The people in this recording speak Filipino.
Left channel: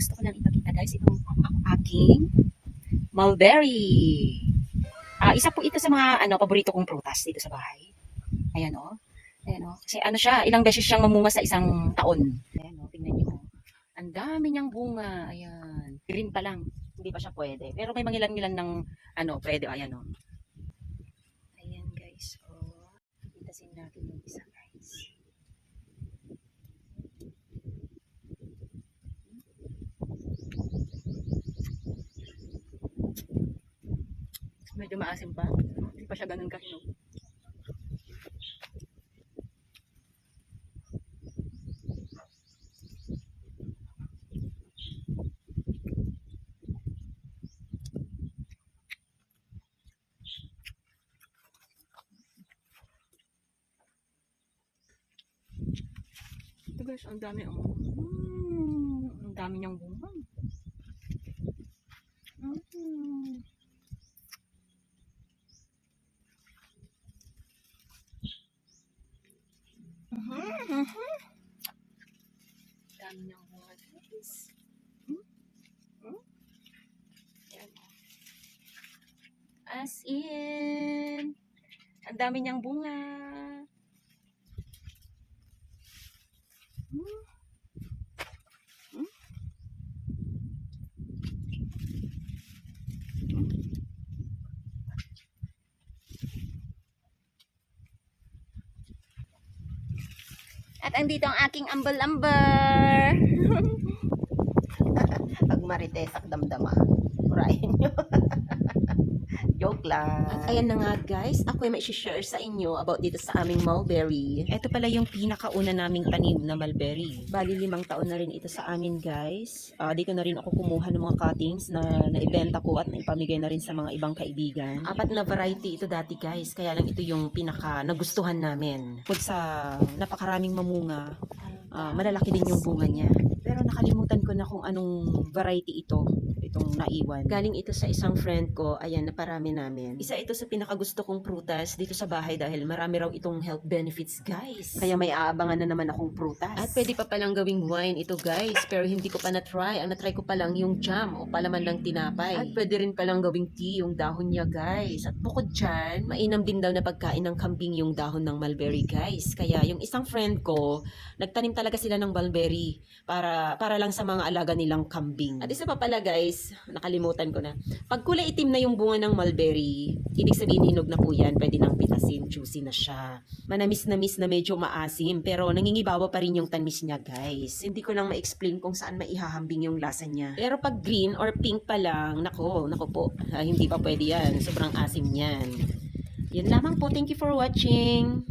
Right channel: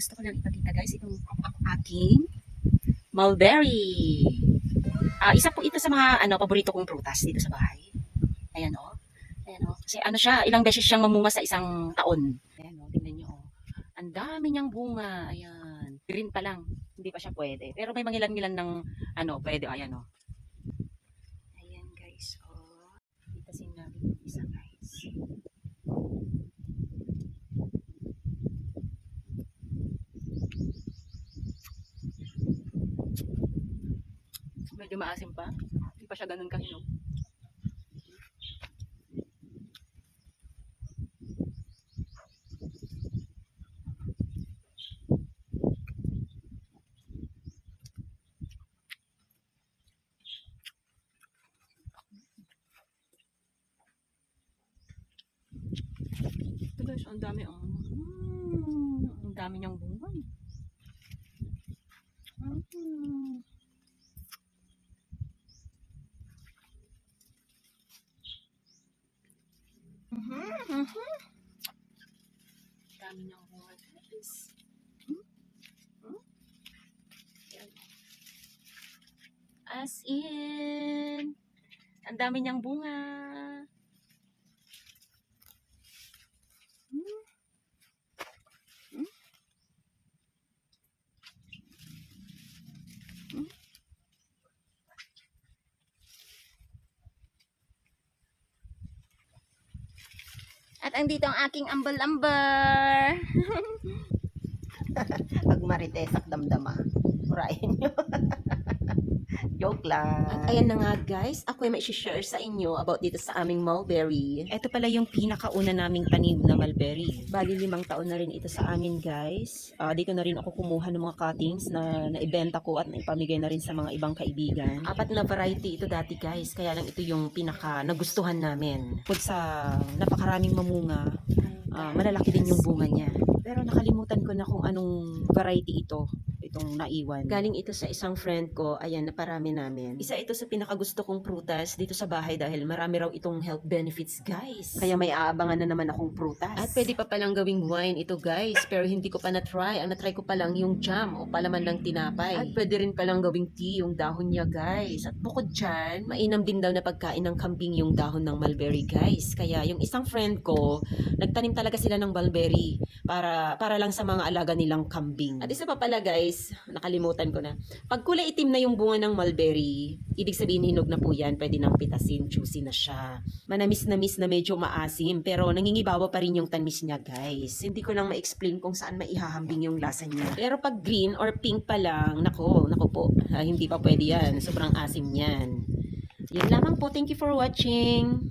gusto ko lang ipakita guys itong aking mulberry. Isa po ito sa mga paborito kong prutas dito sa bahay. Ayan o. Ayan o. Kasi ano siya, ilang beses siyang mamunga sa isang taon. Ayan o, tingnan niyo. Ang dami niyang bunga. Ayan. Green pa lang. Hindi pa siya pwede. Pero may mangilan-ngilan ng pwede. Ayan o. Ayan guys. O. Itasin natin yung isa guys. Medyo maasim pa. Hindi pa siya ganun kahinog. Ito guys, ang dami ang dami niyang bunga. Dami niyang bunga guys. Yan. As in, ang dami niyang bunga. At andito ang aking ambal-ambar. Pag maritesak damdama. Murahin nyo. Joke lang. At ayan na nga guys, ako ay may share sa inyo about dito sa aming mulberry. Ito pala yung pinakauna naming tanim na mulberry. Bali 5 taon na rin ito sa amin guys. Dito na rin ako kumuha ng mga cuttings na naibenta ko at naipamigay na rin sa mga ibang kaibigan. 4 na variety ito dati guys, kaya lang ito yung pinaka nagustuhan namin. Bukod sa napakaraming mamunga, malalaki din yung bunga niya. Pero nakalimutan ko na kung anong variety itong naiwan. Galing ito sa isang friend ko, ayan, naparami namin. Isa ito sa pinakagusto kong prutas dito sa bahay dahil marami raw itong health benefits, guys. Kaya may aabangan na naman akong prutas. At pwede pa palang gawing wine ito, guys, pero hindi ko pa na-try. Ang na-try ko pa lang yung jam o palaman ng tinapay. At pwede rin palang gawing tea yung dahon niya, guys. At bukod dyan, mainam din daw na pagkain ng kambing yung dahon ng mulberry, guys. Kaya yung isang friend ko, nagtanim talaga sila ng mulberry para lang sa mga alaga nilang kambing. At isa pa pala guys, nakalimutan ko na. Pag kulay itim na yung bunga ng mulberry, ibig sabihin hinog na po yan, pwede nang pitasin, juicy na siya. Manamis-namis na medyo maasim, pero nangingibawa pa rin yung tamis niya guys. Hindi ko lang ma-explain kung saan maihahambing yung lasa niya. Pero pag green or pink pa lang, nako po, hindi pa pwede yan. Sobrang asim niyan. Yun lamang po, thank you for watching.